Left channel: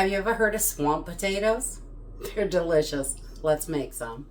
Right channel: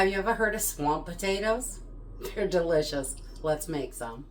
Have you ever heard of swamp potatoes? They're delicious. Let's make some.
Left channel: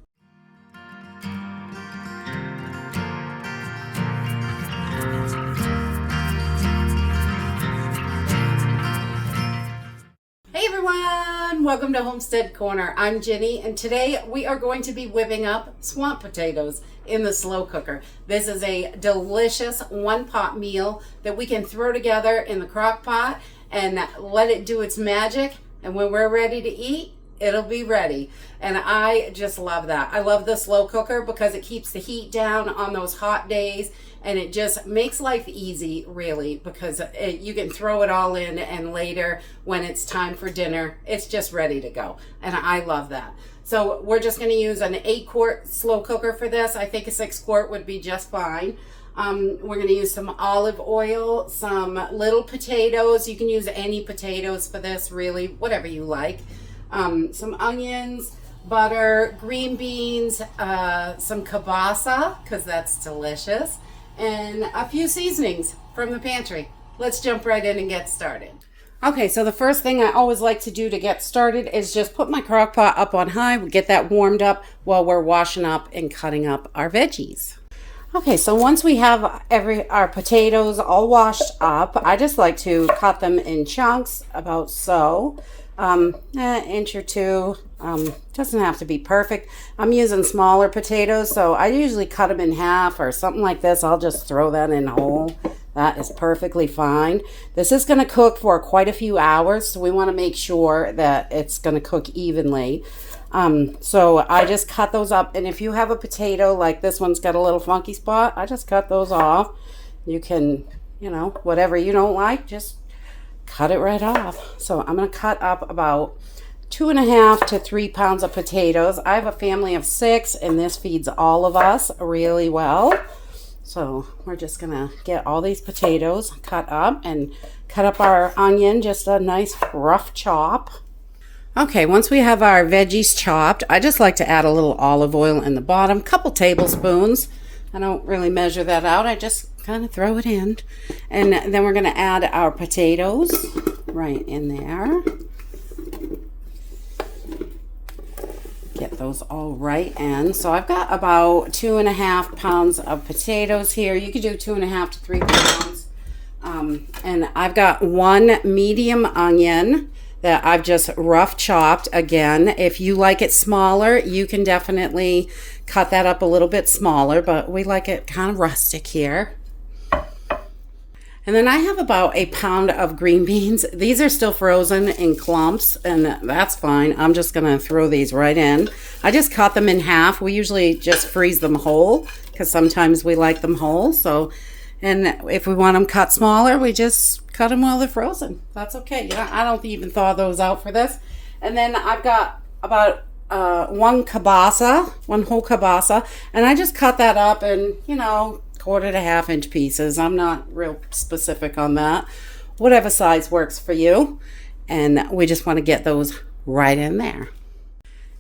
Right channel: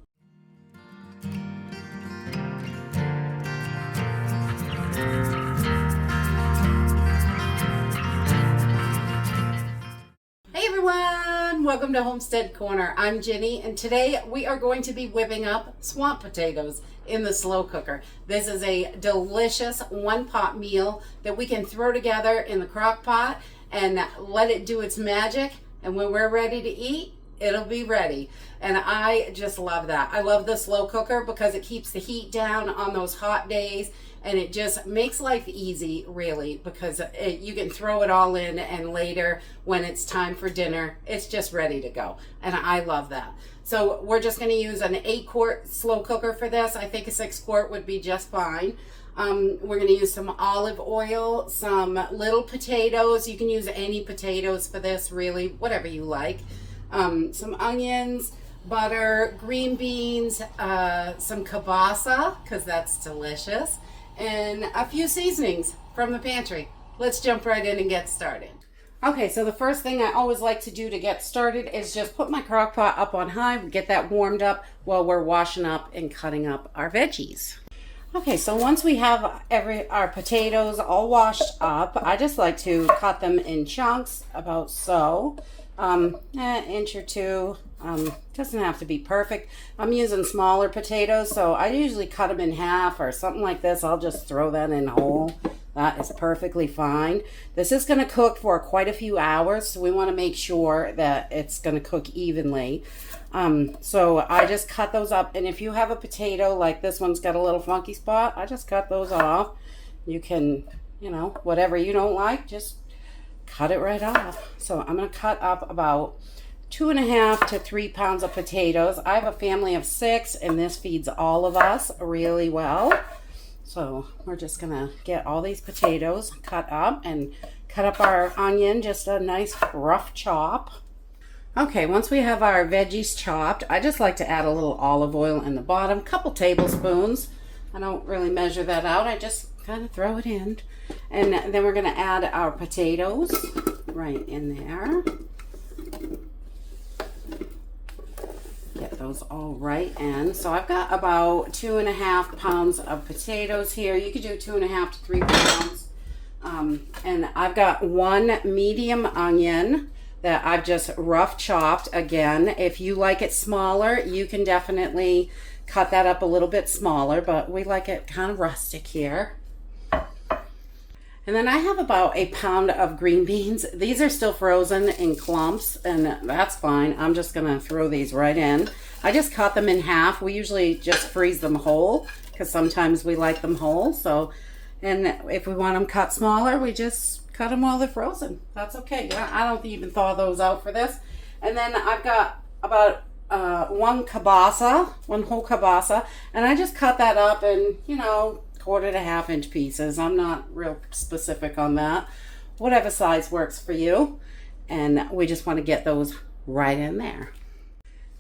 Hey everyone! Welcome to Homestead Corner. I'm Jenny, and today we are going to be whipping up swamp potatoes in the slow cooker. This is a delicious one-pot meal that we can throw together in the crock pot and let it do its magic, and when we're ready to eat, it'll be ready. And I just love that. I love the slow cooker because it keeps the heat down on those hot days, and it just makes life easy, really, because you can throw it all in, and later when it's time for dinner, it's just ready to go. And I love that. So we're just going to use an 8-quart slow cooker for this. I think a 6-quart would be just fine. We're going to use some olive oil, some little potatoes. You can use any potatoes for this, really, whatever you like. Some onions, butter, green beans, some kielbasa, because that's delicious, and a few seasonings from the pantry. Let's jump right in and get started. Okay, so the first thing I always like to do to get started is just put my crock pot up on high. We get that warmed up while we're washing up and cutting up our veggies. Okay, so once we have our potatoes all washed up, I just like to cut them in chunks about so. An inch or two. Doesn't have to be perfect. I'm using smaller potatoes, so I usually cut them in half or something like this. I'll just throw that in whole. That is perfectly fine. This is going to cook for quite a few hours, so we want to make sure that it's going to cook evenly. So I just cut those up, and if you have a potato like this one's got a little funky spot, I just cut those off. You can, whatever you don't like, just cut it right off. So I'm going to cut up about 2.5 to 3 pounds of potatoes. I have a family of 6, and this feeds all of us really well. So we're just going to get all these potatoes cut up and cut up our onion, just a nice rough chop. Okay, once we have our veggies chopped, I just like to add a little olive oil in the bottom, couple tablespoons. I don't really measure that out. I just kind of throw it in. And then we're going to add our potatoes right in there. Get those all right in. So I've got about 2.5 pounds of potatoes here. You could do 2.5 to 3 pounds. And I've got 1 medium onion that I've just rough chopped. Again, if you like it smaller, you can definitely cut that up a little bit smaller, but we like it kind of rustic here. And then I have about 1 pound of green beans. These are still frozen in clumps, and that's fine. I'm just gonna throw these right in. I just cut them in half. We usually just freeze them whole because sometimes we like them whole. So, and if we want them cut smaller, we just cut them while they're frozen. That's okay. I don't even thaw those out for this. And then I've got about 1 kielbasa, 1 whole kielbasa, and I just cut that up in, 1/4 to 1/2 inch pieces. I'm not real specific on that. Whatever size works for you. And we just want to get those right in there.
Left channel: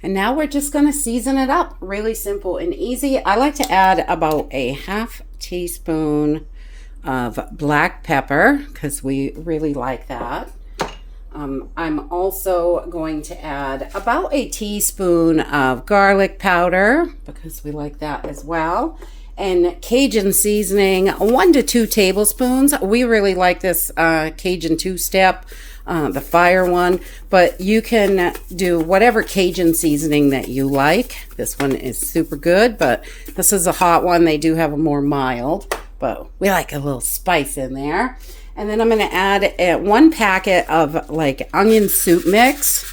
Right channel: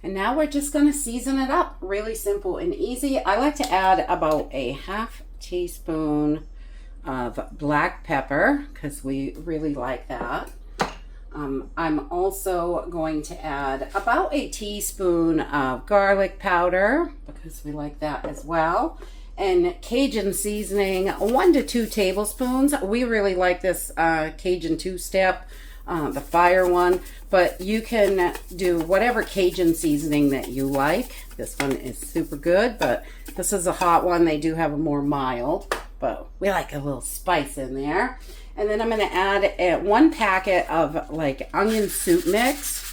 And now we're just going to season it up. Really simple and easy. I like to add about 1/2 teaspoon of black pepper because we really like that. I'm also going to add about 1 teaspoon of garlic powder because we like that as well. And Cajun seasoning, 1 to 2 tablespoons. We really like this Cajun 2-step, the fire one, but you can do whatever Cajun seasoning that you like. This one is super good, but this is a hot one. They do have a more mild, but we like a little spice in there. And then I'm going to add 1 packet of like onion soup mix,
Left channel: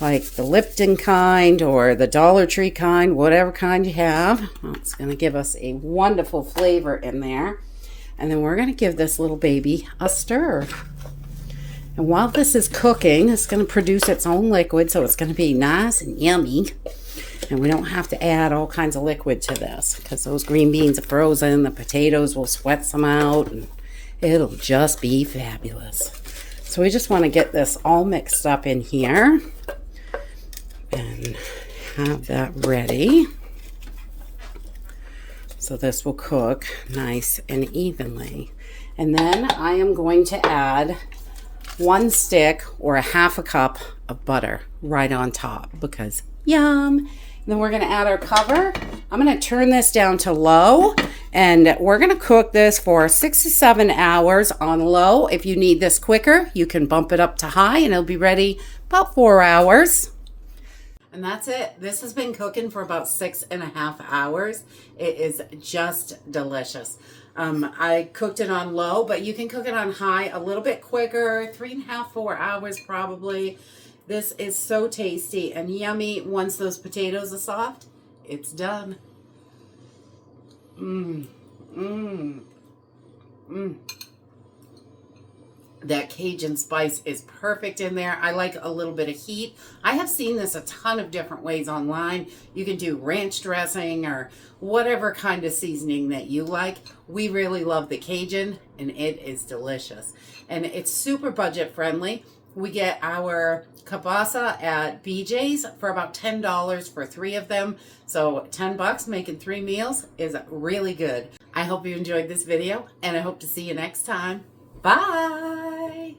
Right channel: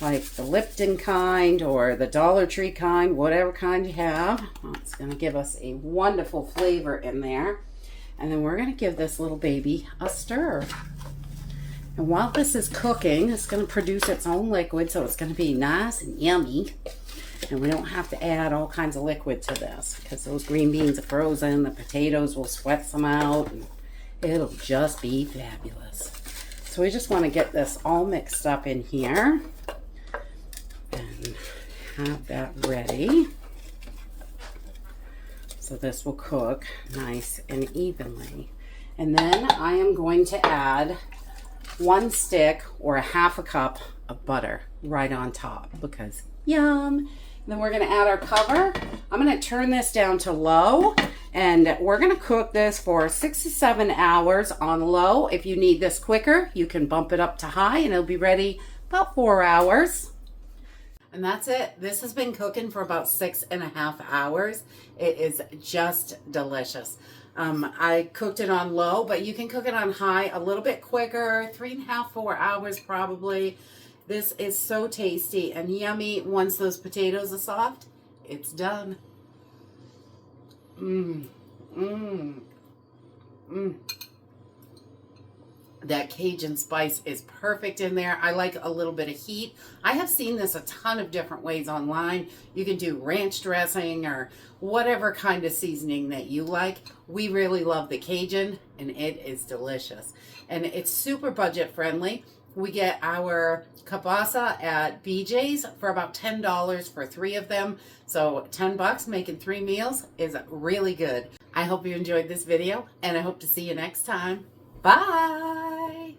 like the Lipton kind or the Dollar Tree kind, whatever kind you have. It's going to give us a wonderful flavor in there. And then we're going to give this little baby a stir. And while this is cooking, it's going to produce its own liquid, so it's going to be nice and yummy. And we don't have to add all kinds of liquid to this because those green beans are frozen. The potatoes will sweat some out, and it'll just be fabulous. So we just want to get this all mixed up in here and have that ready. So this will cook nice and evenly. And then I am going to add 1 stick or a half a cup of butter right on top because yum. And then we're going to add our cover. I'm going to turn this down to low, and we're going to cook this for 6 to 7 hours on low. If you need this quicker, you can bump it up to high and it'll be ready about 4 hours. And that's it. This has been cooking for about 6.5 hours. It is just delicious. I cooked it on low, but you can cook it on high a little bit quicker, 3.5, 4 hours probably. This is so tasty and yummy. Once those potatoes are soft, it's done. That Cajun spice is perfect in there. I like a little bit of heat. I have seen this a ton of different ways online. You can do ranch dressing or whatever kind of seasoning that you like. We really love the Cajun, and it is delicious. And it's super budget friendly. We get our kielbasa at BJ's for about $10 for 3 of them. So $10 making 3 meals is really good. I hope you enjoyed this video, and I hope to see you next time. Bye!